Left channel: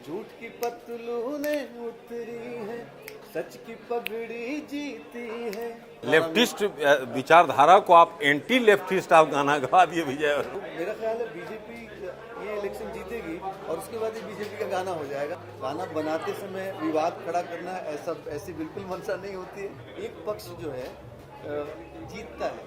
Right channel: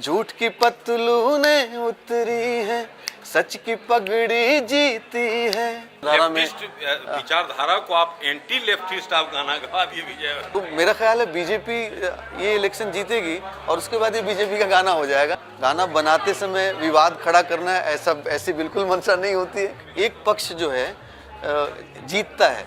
झूठ की पतलूनें उतरी है, सच की पगड़ी जीती है। लेफ्टिस्ट विचारधारा को आप एंटी लेफ्टिस्ट आप गाना गा दिए भैया। तो मेरा ख्याल है बीजेपी ये इलेक्शन जीतेगी और उसके बाद ये बीजेपी का गाना हो जाएगा। गाना बनाते समय विवाद खड़ा करना ऐसी बिल्कुल मंशा नहीं होती है। एक पक्ष जो है जीतता है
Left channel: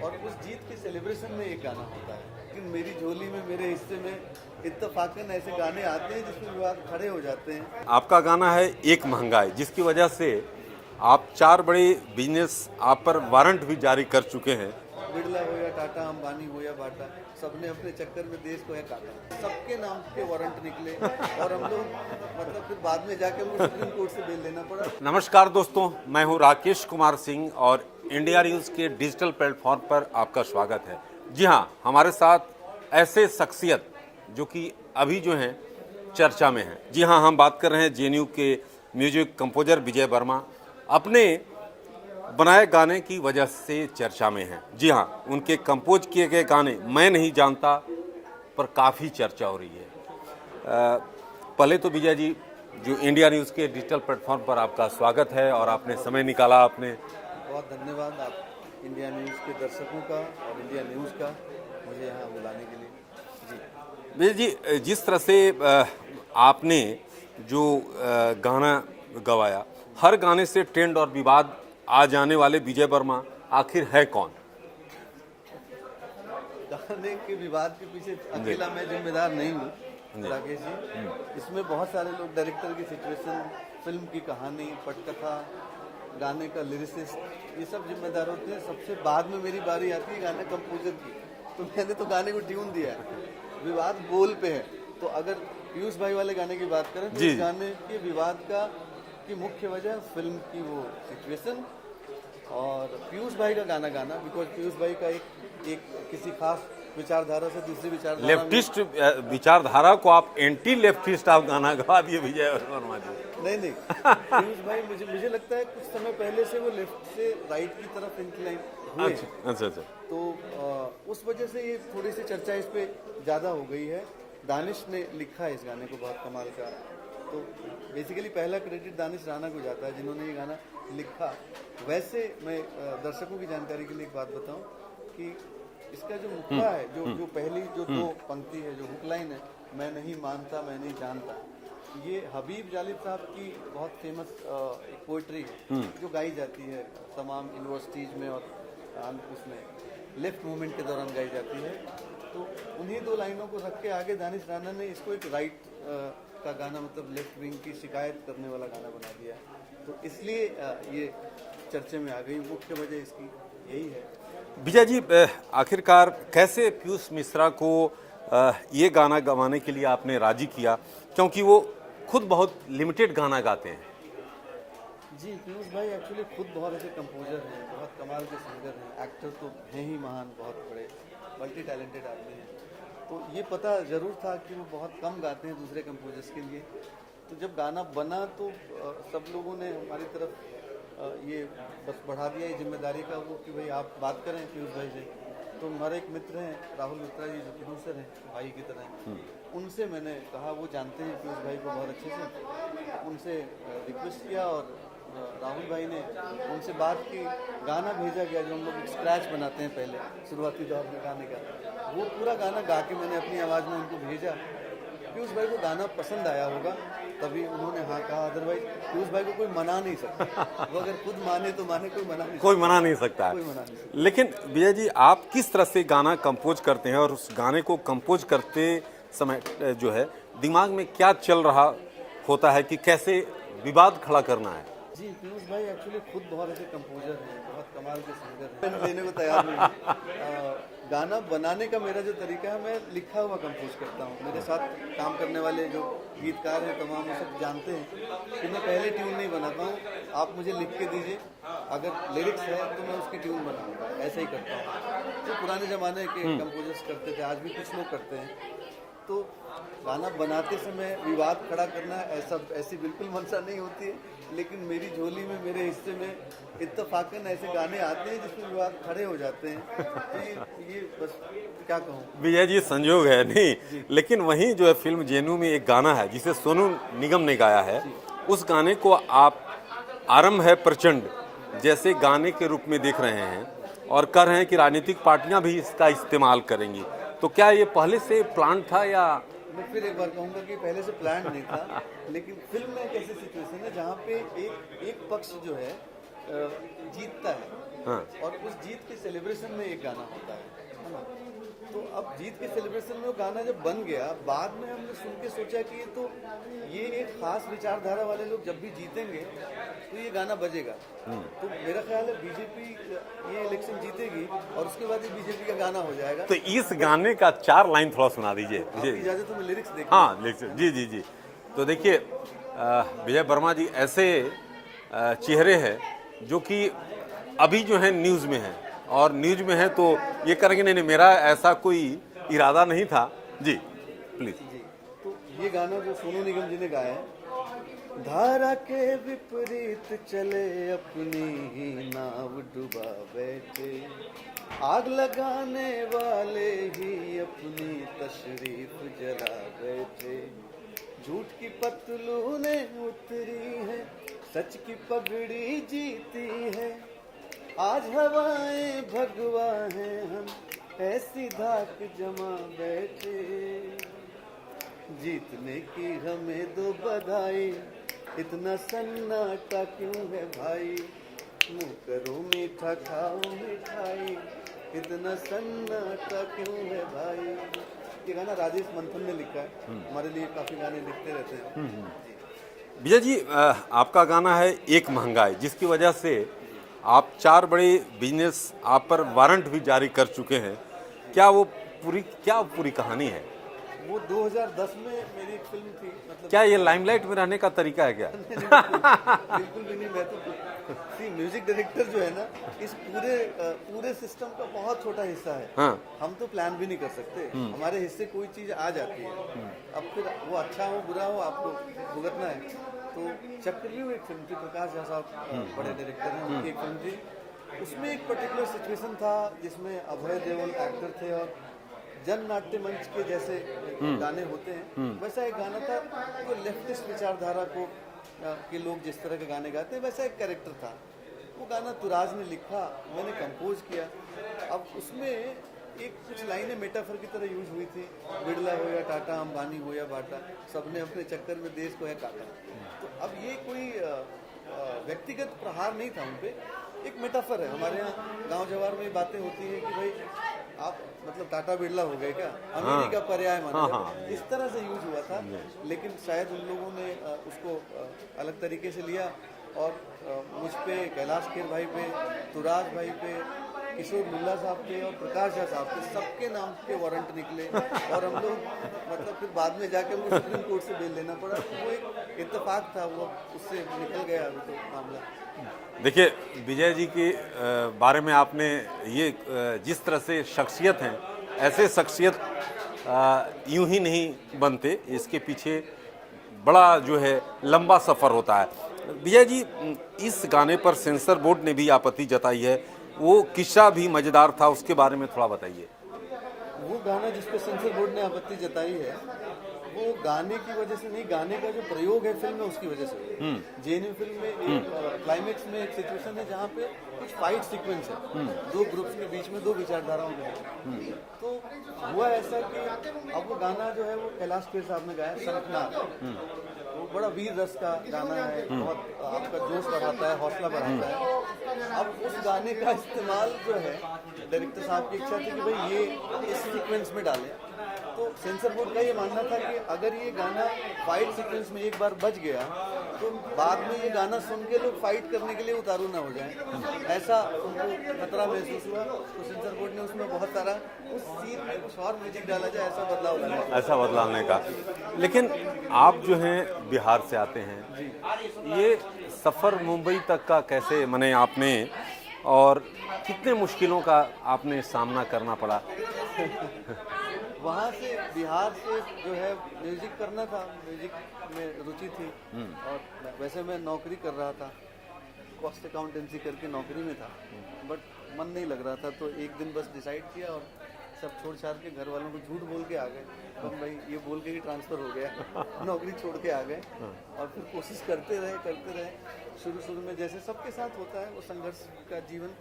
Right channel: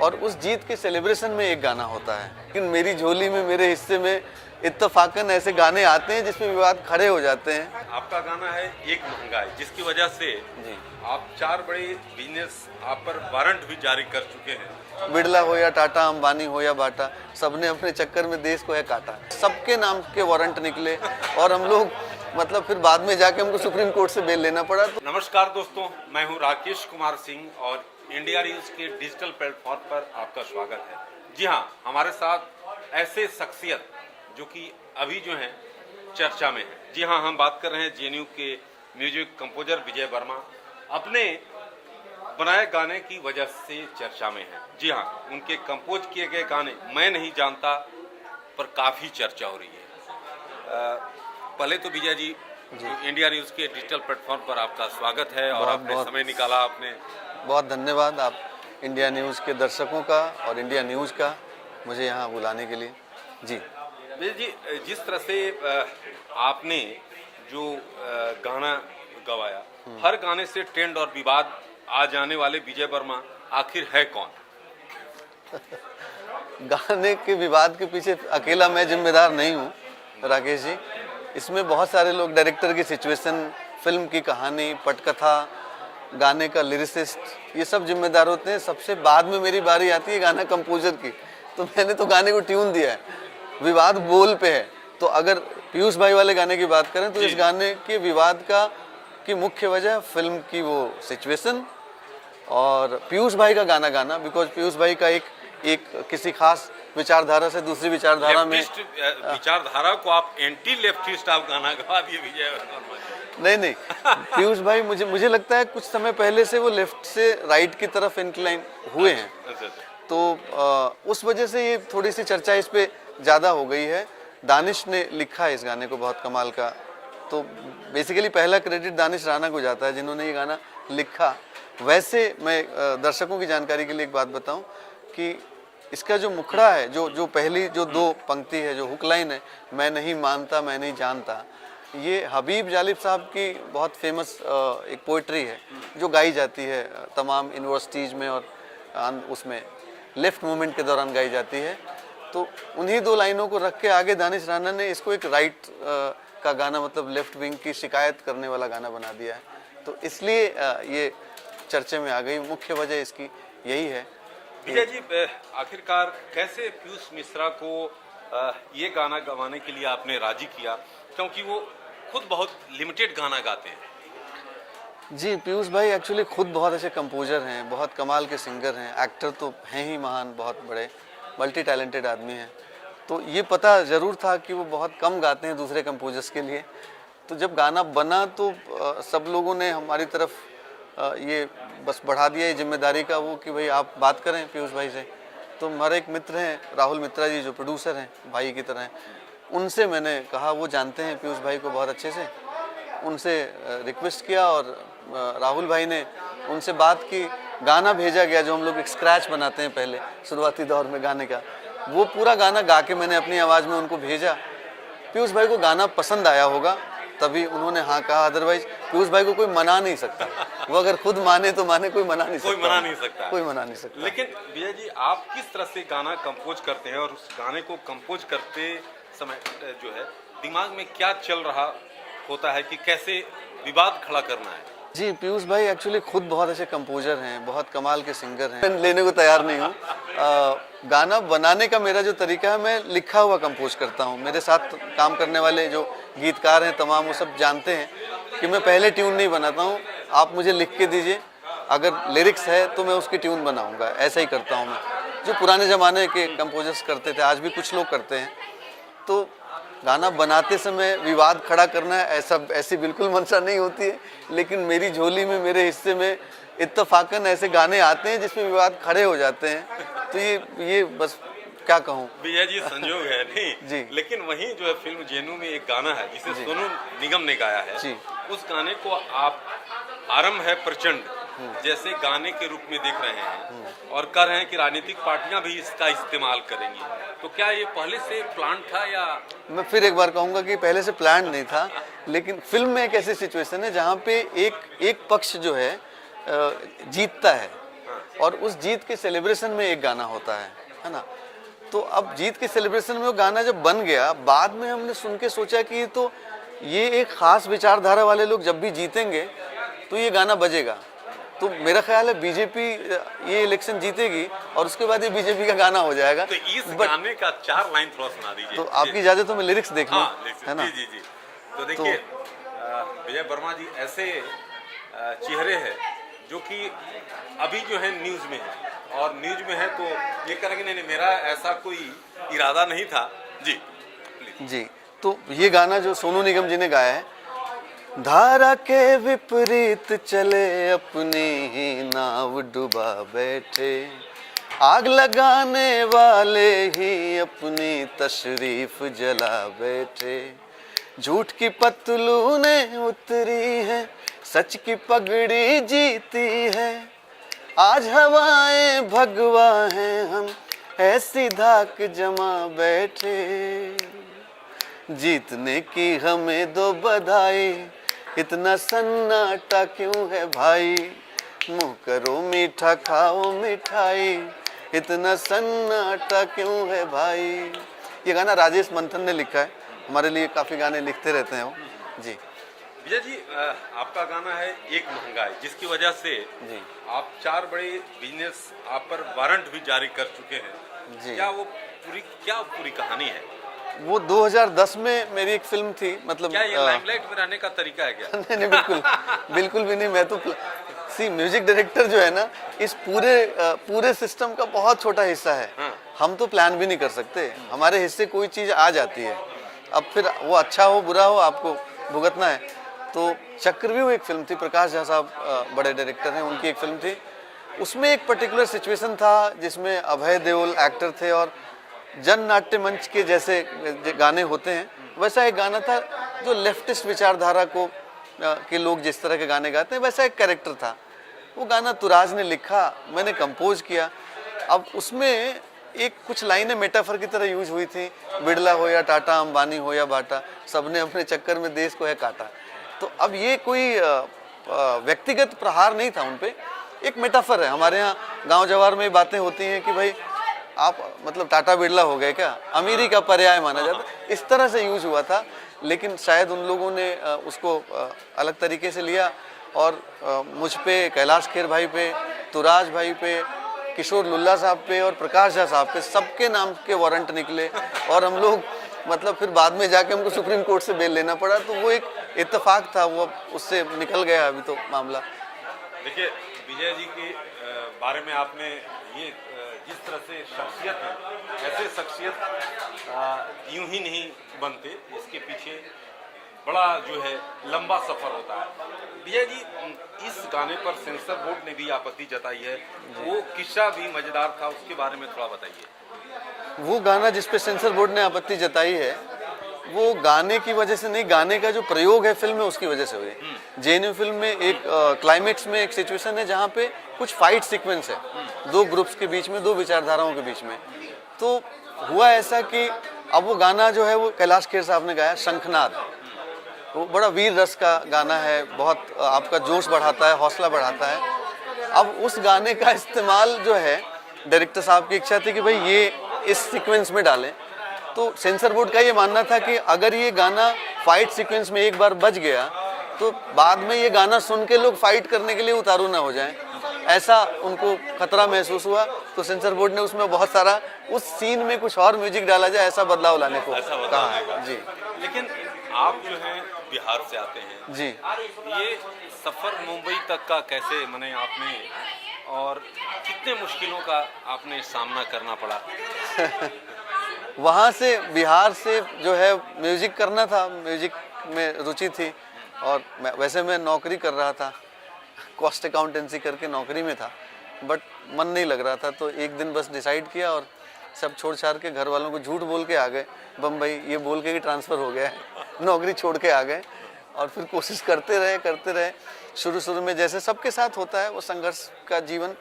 और उस जीत के सेलिब्रेशन में एक गाना होता है, लेकिन मेरी झोली में मेरे हिस्से में इत्तफाकन ऐसे गाने आते हैं जिसमें विवाद खड़े हो जाते हैं। आपका गाना है एक महंगाई, जिसकी वजह से आप 4 बड़े बिजनेस आप पर वारंट भी जारी कर चुके हैं। बिड़ला हो या टाटा, अंबानी हो या बाटा, सबने अपने चक्कर में देश को है काटा। सबके नाम के वारंट निकले और हम लोग मतलब फिर बाद में जाके हमको सुप्रीम कोर्ट से बेल लेना पड़ा। नमस्कार दोस्तों, मैं हूं राकेश कुमार सिंह और इंडिया न्यूज़ के डिजिटल प्लेटफॉर्म पर आपका स्वागत है। जी हां, हमारे साथ ऐसे शख्सियत जो कि अभी जो हैं चर्चा में हैं। जी हां, हम बात कर रहे हैं जेएनयू के म्यूजिक कंपोजर विजय वर्मा। अपने बनाए गाने की वजह से चर्चा में हैं। जी हां, उनके कंपोज किए गए गाने मैं नहीं जानता पर काफ़ी चर्चा हो रही है। पहले तो विजय जी, जो इंडिया न्यूज़ के डिजिटल प्लेटफॉर्म पर आपका स्वागत है और आपने समय निकाला। आपने बहुत धन्यवाद आप इंडिया न्यूज़ के दर्शकों का और इंडिया न्यूज़ का मुझे यहाँ बुलाने के लिए। जी विजय जी, जिस तरह से आपने जो गाना गवाया, हर गाने से ट्रेंड और विवाद आ जाने वाले विजय वर्मा आखिर है कौन? गाने के विवाद के पीछे अकेला मैं जिम्मेदार नहीं हूँ राकेश जी। इसमें बहुत सारे लोग, डायरेक्टर की सिचुएशन, फिल्म की कहानी, पटकथा, गाने का लिरिसिस्ट, ये सब जिम्मेदार होते हैं। सबसे बाद में मेरी बारी आती है गाना कंपोजर की, तो मैंने तो गाने को ट्यून दिया है, विवाद बोल पे है। तो अगर पीयूष भाई वाले गाने की बात करें तो इस गाने के विवाद की मुख्य वजह फिल्म की वो सिचुएशन और पीयूष भाई का गाना गाना, बिकॉज पीयूष भाई का एक किसी खास विचारधारा से दूसरी विचारधारा में। लेफ्टिस्ट विचारधारा को आप एंटी लेफ्टिस्ट आप गाना गा दिए विजय वर्मा जी। नहीं पीयूष भाई मुझे लगता है कुछ समय पहले से वो लेफ्ट से राइट की तरफ इंक्लाइन हुए हैं। अच्छा। तो उस वजह से ये थोड़ी सी चर्चा इस पे ज़्यादा हो गई है। दानिश ने लिखा है इस गाने को, बहुत कमाल का। तो बेसिकली पहला क्रेडिट दानिश राणा को जाता है जिन्होंने ये गाना लिखा। वैसे मैं दर्शकों की जानकारी के लिए एक बात बताऊं कि इसका जो मुखड़ा है, जो पहली जो 2 पंक्ति है, जो हुक लाइन है, मैं नहीं मानता मैं नहीं जानता, ये हबीब जालिब साहब की बहुत फेमस एक पोइट्री है जो गाई जाती है तमाम यूनिवर्सिटीज़ में और उसमें लेफ्ट मूवमेंट के दौरान गाई जाती है। तो उन्हीं 2 लाइनों को रख के आगे दानिश राणा ने इसको एक राइट का गाना, मतलब लेफ्ट विंग की शिकायत करने वाला गाना बना दिया है। तो इसलिए ये चर्चे में आ गई। मुख्य वजह इसकी यही है। विजय जी, आखिरकार कैसे पीयूष मिश्रा को ये गाना गवाने के लिए आपने राजी किया, क्योंकि वो खुद बहुत लिमिटेड गाना गाते हैं? जी, पीयूष भाई एक्चुअली खुद बहुत अच्छे कंपोजर हैं, बहुत कमाल के सिंगर हैं, एक्टर तो हैं ही महान, बहुत बड़े मल्टी टैलेंटेड आदमी हैं। तो ये पता ज़रूर था कि वो बहुत कम गाते हैं दूसरे कंपोजर्स के लिए। तो जब गाना बना तो सब लोगों ने हमारी तरफ ये बस बढ़ा दिया ये जिम्मेदारी का वो कि भाई आप बात करें पीयूष भाई से। तो हमारे एक मित्र हैं राहुल मित्रा जी, जो प्रोड्यूसर हैं, भाई की तरह हैं, उनसे मैंने कहा, वो जानते हैं पीयूष भाई को बहुत अच्छे से, उनसे रिक्वेस्ट किया और राहुल भाई ने उनसे बात की। गाना भेजा गया जो हम लोग एक स्क्रैच बनाते हैं पहले शुरुआती दौर में गाने का, वो पूरा गाना गा के मैंने अपनी आवाज़ में उनको भेजा। पीयूष भाई को गाना पसंद आया होगा तभी उन्होंने हाँ कहा, अदरवाइज पीयूष भाई को कोई मना नहीं सकता। वो अगर खुद माने तो माने, कोई मना नहीं सकता। कोई मना नहीं सकता। कोई मना नहीं सकता। लेकिन विजय जी, आप किस तरह से गाना कंपोज करते हैं और उस गाने को कंपोज करते समय जो है दिमाग में क्या चल रहा होता है कि कैसे विवाद खड़ा करना है? जी, पीयूष भाई एक्चुअली खुद बहुत अच्छे कंपोजर हैं, बहुत कमाल के सिंगर हैं। मैं लेने को तैयार नहीं हूँ। गाना बनाने का मेरा जो तरीका है, मैं लिखा हुआ कंपोज करता हूँ। मेरे साथ काम करने वाले जो गीतकार हैं तमाम, वो सब जानते हैं कि मैं पहले ट्यून नहीं बनाता हूँ। आप मुझे लिख के दीजिए, अगर लिरिक्स है तो मैं उसकी ट्यून बनाऊँगा। ऐसा ही करता हूँ मैं, जो पुराने ज़माने के कंपोजर्स करते थे, आज भी कुछ लोग करते हैं। तो गाना बनाते समय विवाद खड़ा करना ऐसी बिल्कुल मंशा नहीं होती है, लेकिन मेरी झोली में मेरे हिस्से में इत्तफाकन ऐसे गाने आते हैं जिसमें विवाद खड़े हो जाते हैं। तो ये बस क्या कहूँ। विजय जी संजोग है जी। नहीं, लेकिन वहीं जो है फिल्म जेनू में एक गाना है जिसे सोनू निगम ने गाया है, जी। उस गाने को आप आरंभ है प्रचंड जैसे गाने के रूप में देख रहे हैं और कह रहे हैं कि राजनीतिक पार्टियां भी इसका इस्तेमाल करेंगी, तो क्या ये पहले से प्लान था या? मैं फिर एक बार कहूंगा कि पहले से प्लान नहीं था, लेकिन फिल्म में एक ऐसी सिचुएशन है जहाँ पे एक पक्ष जो है जीतता है, हाँ। और उस जीत के सेलिब्रेशन में एक गाना होता है ना। तो अब जीत के सेलिब्रेशन में वो गाना जब बन गया, बाद में हमने सुन के सोचा कि तो ये एक खास विचारधारा वाले लोग जब भी जीतेंगे तो ये गाना बजेगा। तो मेरा ख्याल है बीजेपी ये इलेक्शन जीतेगी और उसके बाद ये बीजेपी का गाना हो जाएगा। तो इस गाने का 4 लाइन थोड़ा सुना दीजिए। तो आपकी इजाजत तो मैं लिरिक्स देख लूं, हाँ, है ना? जी जी जी। तो देखिए विजय वर्मा जी ऐसे चेहरे हैं जो कि अभी जो है न्यूज़ में है, और न्यूज़ में है तो ये करेंगे नहीं नहीं मेरा ऐसा कोई इरादा नहीं था। जी प्लीज। जी, तो ये गाना जो सोनू निगम जी ने गाया है, धारा के विपरीत चले अपनी ही नाव डुबा बैठे, आग लगाने वाले ही अपनी तशरीफ जला बैठे, झूठ की पतलूनें उतरी है, सच की पगड़ी जीती है, आज हवाएं भगवा हैं हम, ऐसी धाक जमा बैठे, जीतने की हमें दो बधाई, इतना सन्नाटा क्यों है भाई, मुंह करो मीठा खाओ मिठाई, इतना सन्नाटा क्यों है भाई। ये गाना राजेश मंथन ने लिखा है, हमारे लिए काफी गाने लिखते रहते हैं वो। जी विजय जी आपका गाना है एक महंगाई, जिसकी वजह से आप 4 बड़े बिजनेस आप पर वारंट भी जारी कर चुके हैं। क्या वो पूरी कहानी है? वो 2010 में मेरी एक फिल्म थी, मतलब क्या ये लाइमलाइट में रहने का तरीका है क्या? नहीं बिल्कुल बिल्कुल भी नहीं। मैं तो म्यूजिक डायरेक्टर जो है ना, इस पूरे सिस्टम का बहुत छोटा हिस्सा है। हाँ। हम तो प्लान भी नहीं कर सकते, हमारे हिस्से कोई चीज आ जाती है, अब फिर वो अच्छा हो बुरा हो आपको भुगतना है। तो चक्रव्यूह एक फिल्म थी, प्रकाश झा साहब बड़े डायरेक्टर हैं, उनकी एक फिल्म थी। उसमें एक पर्टिकुलर सिचुएशन था जिसमें अभय देओल एक्टर थे और जन नाट्य मंच के जैसे गाने होते हैं, वैसा एक गाना था जो लेफ्टिस्ट विचारधारा को के लोग जिस तरह के गाने गाते हैं, वैसा एक कैरेक्टर था। वो गाना तुराज ने लिखा, मैंने कंपोज किया। अब उसमें एक कुछ लाइनें मेटाफर की तरह यूज हुई थी, बिड़ला हो या टाटा, अंबानी हो या बाटा, सबने अपने चक्कर में देश को है काटा। तो अब ये कोई व्यक्तिगत प्रहार नहीं था उन पे, एक मेटाफर है। हमारे यहाँ गांव जवार में बातें होती हैं कि भाई आप मतलब टाटा बिड़ला हो गए क्या, अमीरी का पर्याय माना जाता है, इस तरह से यूज हुआ था। लेकिन शायद उन लोगों ने उसको अलग तरीके से लिया और मुझ पे, कैलाश खेर भाई पे, तुराज भाई पे, किशोर लुल्ला साहब पे और प्रकाश झा साहब पे सबके नाम के वारंट निकले और हम लोग मतलब फिर बाद में जाके हमको सुप्रीम कोर्ट से बेल लेना पड़ा। तो वो एक इत्तेफाक था, वो उससे निकल गया अभी तो मामला। देखिए विजय जी के बारे में आपने ये जिस तरह से शख्सियत है, ऐसे शख्सियत यूं ही नहीं बनते, इसके पीछे बड़ा जो है लंबा सफ़र होता है। विजय जी इस गाने पर सेंसर बोर्ड ने भी आपत्ति जताई है, वो किस्सा भी मज़ेदार था, उसके बारे में थोड़ा बताइए। वो गाना जिस पे सेंसर बोर्ड ने आपत्ति जताई है, वो गाने की वजह से नहीं, गाने का जो प्रयोग है फिल्म में उसकी वजह से हुई। जेएनयू फिल्म में एक क्लाइमेक्स में एक सिचुएशन है जहाँ पे कुछ फाइट सीक्वेंस है, दो ग्रुप्स के बीच में, दो विचारधाराओं के बीच में। तो हुआ ऐसा कि अब वो गाना जो है वो कैलाश खेर साहब ने गाया, शंखनाद। वो बड़ा वीर रस का गाना है, बहुत आपका जोश बढ़ाता है, हौसला बढ़ाता है। अब उस गाने का इस्तेमाल जो है, डायरेक्टर साहब की इच्छा थी कि भाई ये इस सीक्वेंस में डालें। तो सेंसर बोर्ड का ये मानना था कि अगर ये गाना फाइट सीक्वेंस में एक बार बज गया तो बाद में ये गाना सुन के लोग फाइट करने के लिए उतारू ना हो जाएं, ऐसा उनको खतरा महसूस हुआ। तो सेंसर बोर्ड ने उसमें बहुत सारा उस सीन में कुछ और म्यूजिक डाला जाए, ऐसा बदलाव लाने को, ऐसा बदलाव का। लेकिन आप जो हैं बिहार से आते हैं जी, ये सफ़र मुंबई तक का कैसे मने आपने, और कितने मुश्किलों का आपने सामना करना पड़ा? वहाँ से बिहार से जो है म्यूजिक करना था, म्यूजिक में रुचि थी और वैसे मैं नौकरी कर रहा था, कॉस्ट अकाउंटेंसी करके नौकरी में था, बट मन नहीं लग रहा था। तो एक दिन बस डिसाइड किया और सब छोड़ छाड़ के घर वालों को झूठ बोल के आ गए बम्बई, ये बोल के कि ट्रांसफ़र हो गया है, नौकरी छोड़ के आ गए। और फिर कोशिश करते रहे। शुरू में जैसे सबके साथ होता है, वो संघर्ष का जीवन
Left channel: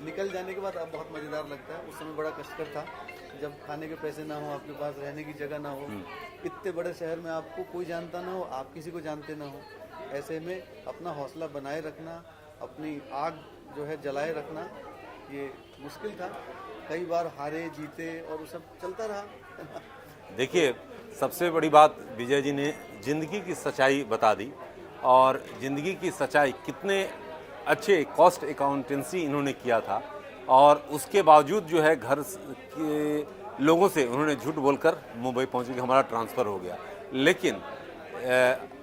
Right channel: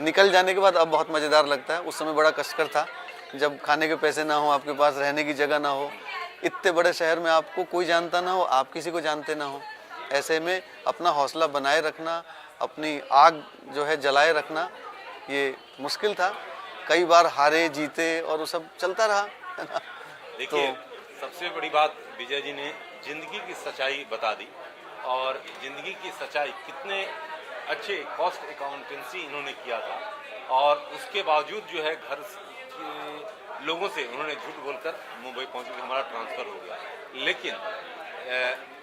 निकल जाने के बाद अब बहुत मज़ेदार लगता है। उस समय बड़ा कष्टकर था, जब खाने के पैसे ना हो, आपके पास रहने की जगह ना हो, इतने बड़े शहर में आपको कोई जानता ना हो, आप किसी को जानते ना हो। ऐसे में अपना हौसला बनाए रखना, अपनी आग जो है जलाए रखना, ये मुश्किल था। कई बार हारे जीते और वो सब चलता रहा। देखिए, सबसे बड़ी बात विजय जी ने ज़िंदगी की सच्चाई बता दी, और ज़िंदगी की सच्चाई कितने अच्छे कॉस्ट अकाउंटेंसी इन्होंने किया था, और उसके बावजूद जो है घर के लोगों से उन्होंने झूठ बोलकर मुंबई पहुंचे कि हमारा ट्रांसफ़र हो गया। लेकिन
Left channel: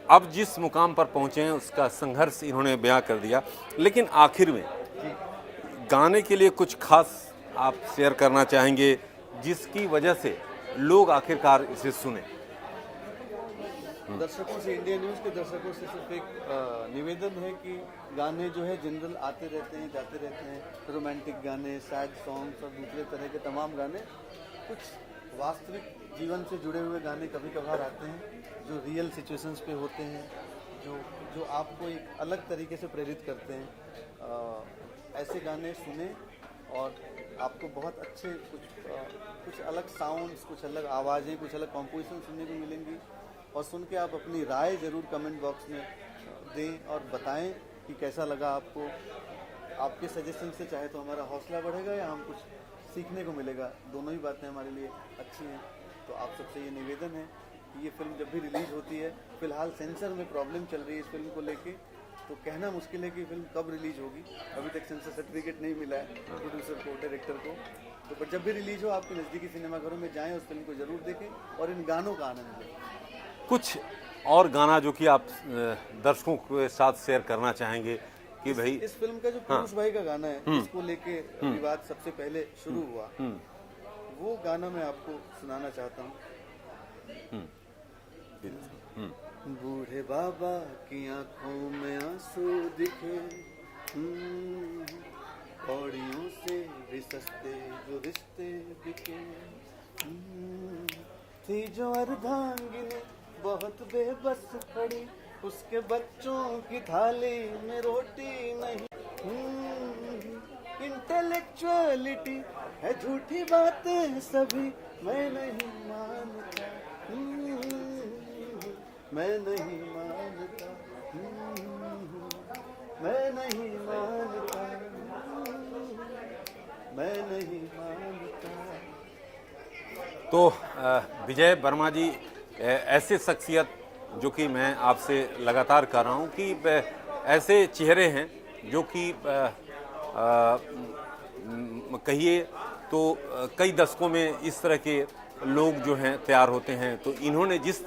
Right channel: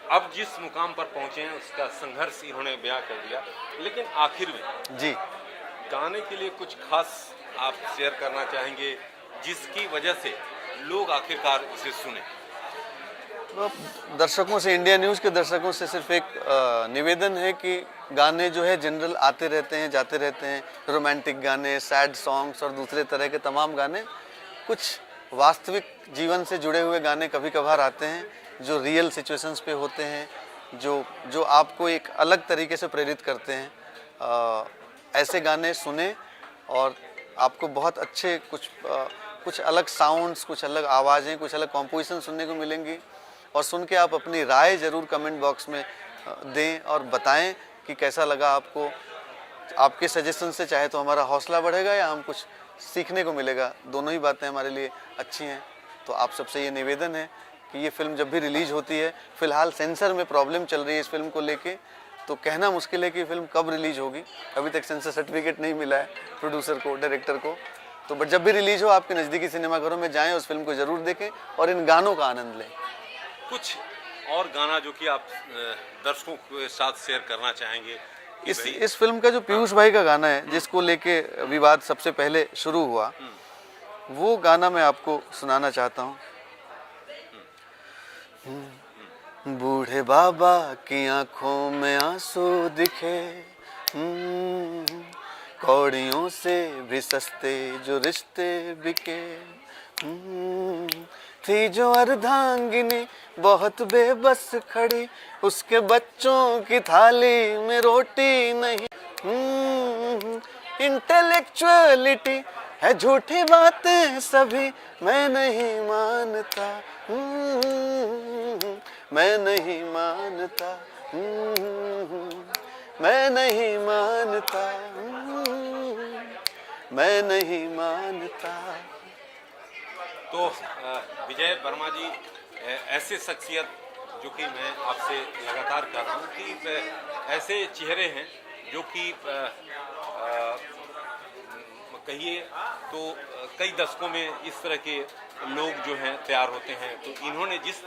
अब जिस मुकाम पर पहुंचे हैं उसका संघर्ष इन्होंने बयां कर दिया। लेकिन आखिर में जी, गाने के लिए कुछ खास आप शेयर करना चाहेंगे जिसकी वजह से लोग आखिरकार इसे सुने? तो दर्शकों से, इंडिया न्यूज़ के दर्शकों से सिर्फ एक निवेदन है कि गाने जो है जनरल आते रहते हैं, जाते रहते हैं। रोमांटिक गाने, सैड सॉन्ग्स और दूसरे तरह के तमाम गाने, कुछ वास्तविक जीवन से जुड़े हुए गाने कभी कभार आते हैं जो रियल सिचुएशंस पे होते हैं, जो आपको एक अलग तरीके से प्रेरित करते हैं। ऐसे गाने सुने और आपको बहुत अच्छे कुछ अलग साउंड्स, कुछ अलग आवाज़ें, कुछ अलग कॉम्पोजिशन सुनने को मिलेंगी। और सुन के आप अपनी राय ज़रूर कमेंट बॉक्स में दें और बताएं कि कैसा लगा आपको। आपके सजेशन से चाहे तो हमारा हौसला बढ़ेगा या हम कुछ सीखने को मिलेगा, दोनों ही बातें हमारे लिए अच्छी हैं। तो आप सबसे ये निवेदन है कि ये फिल्म जब भी रिलीज होती है, फ़िलहाल सेंसर में प्रॉब्लम चल रही है इस फिल्म को लेके, तो कहना मुश्किल है कि फिल्म कब रिलीज होगी। अभी तक सेंसर सर्टिफिकेट नहीं मिला है प्रोड्यूसर को, डायरेक्टर को। तो बट जब भी रिलीज हो, आपके नज़दीकी सिनेमाघरों में जाएं, उस फिल्म को ज़रूर देखें और इन गानों का आनंद लें। कुछ और गाना जो कि आप दर्शकों के साथ शेयर करना चाहेंगे कि भाई इस फिल्म का जो पीयूष भाई का गाना है, जिसको लेके विवाद सबसे पहले शुरू हुआ, वो गाना मैं आपको सुनाना चाहता हूँ। बूढ़े बाबा की आंखों में आंसू दिखे, कौड़ियों से भी सस्ते जो रिश्ते बिके। थी जो अर्धांगिनी बहुत बेबस खड़ी, उसके बच्चों की थाली में रोटी नहीं। इंटेलेक्चुअलिटी है झूठी बातें सभी, मैं नहीं मानता, मैं नहीं मानता, मैं नहीं मानता, मैं नहीं मानता। तो विजय वर्मा जी ऐसे शख्सियत जो कि मैं आपसे लगातार कर रहा हूँ कि ऐसे चेहरे हैं जो कि कहिए तो कई दशकों में इस तरह के लोग जो हैं तैयार होते हैं। तो इन्होंने जिस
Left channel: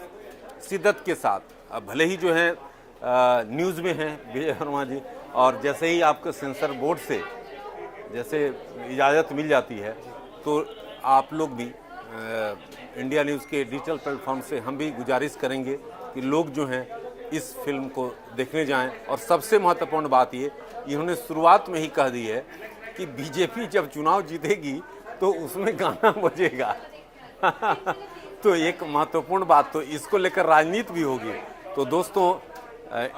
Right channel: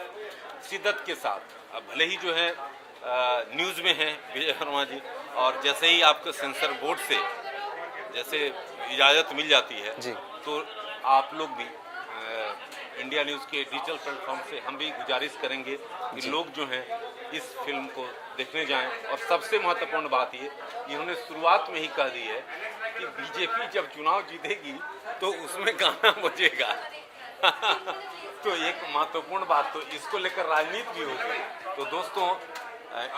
शिद्दत के साथ, भले ही जो है न्यूज़ में हैं विजय वर्मा जी, और जैसे ही आपको सेंसर बोर्ड से जैसे इजाज़त मिल जाती है तो आप लोग भी इंडिया न्यूज़ के डिजिटल प्लेटफॉर्म से हम भी गुजारिश करेंगे कि लोग जो हैं इस फिल्म को देखने जाएं। और सबसे महत्वपूर्ण बात ये, इन्होंने शुरुआत में ही कह दी है कि बीजेपी जब चुनाव जीतेगी तो उसमें गाना बजेगा। तो एक महत्वपूर्ण बात, तो इसको लेकर राजनीति भी होगी। तो दोस्तों,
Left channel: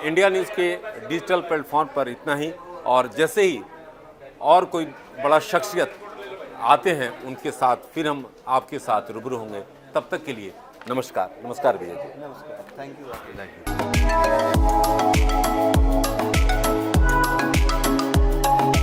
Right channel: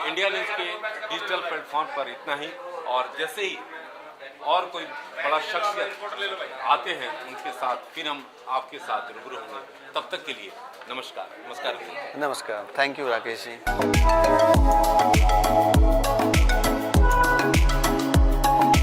इंडिया न्यूज़ के डिजिटल प्लेटफॉर्म पर इतना ही, और जैसे ही और कोई बड़ा शख्सियत आते हैं उनके साथ फिर हम आपके साथ रूबरू होंगे। तब तक के लिए नमस्कार। नमस्कार भैया। नमस्कार, थैंक यू राकेश जी।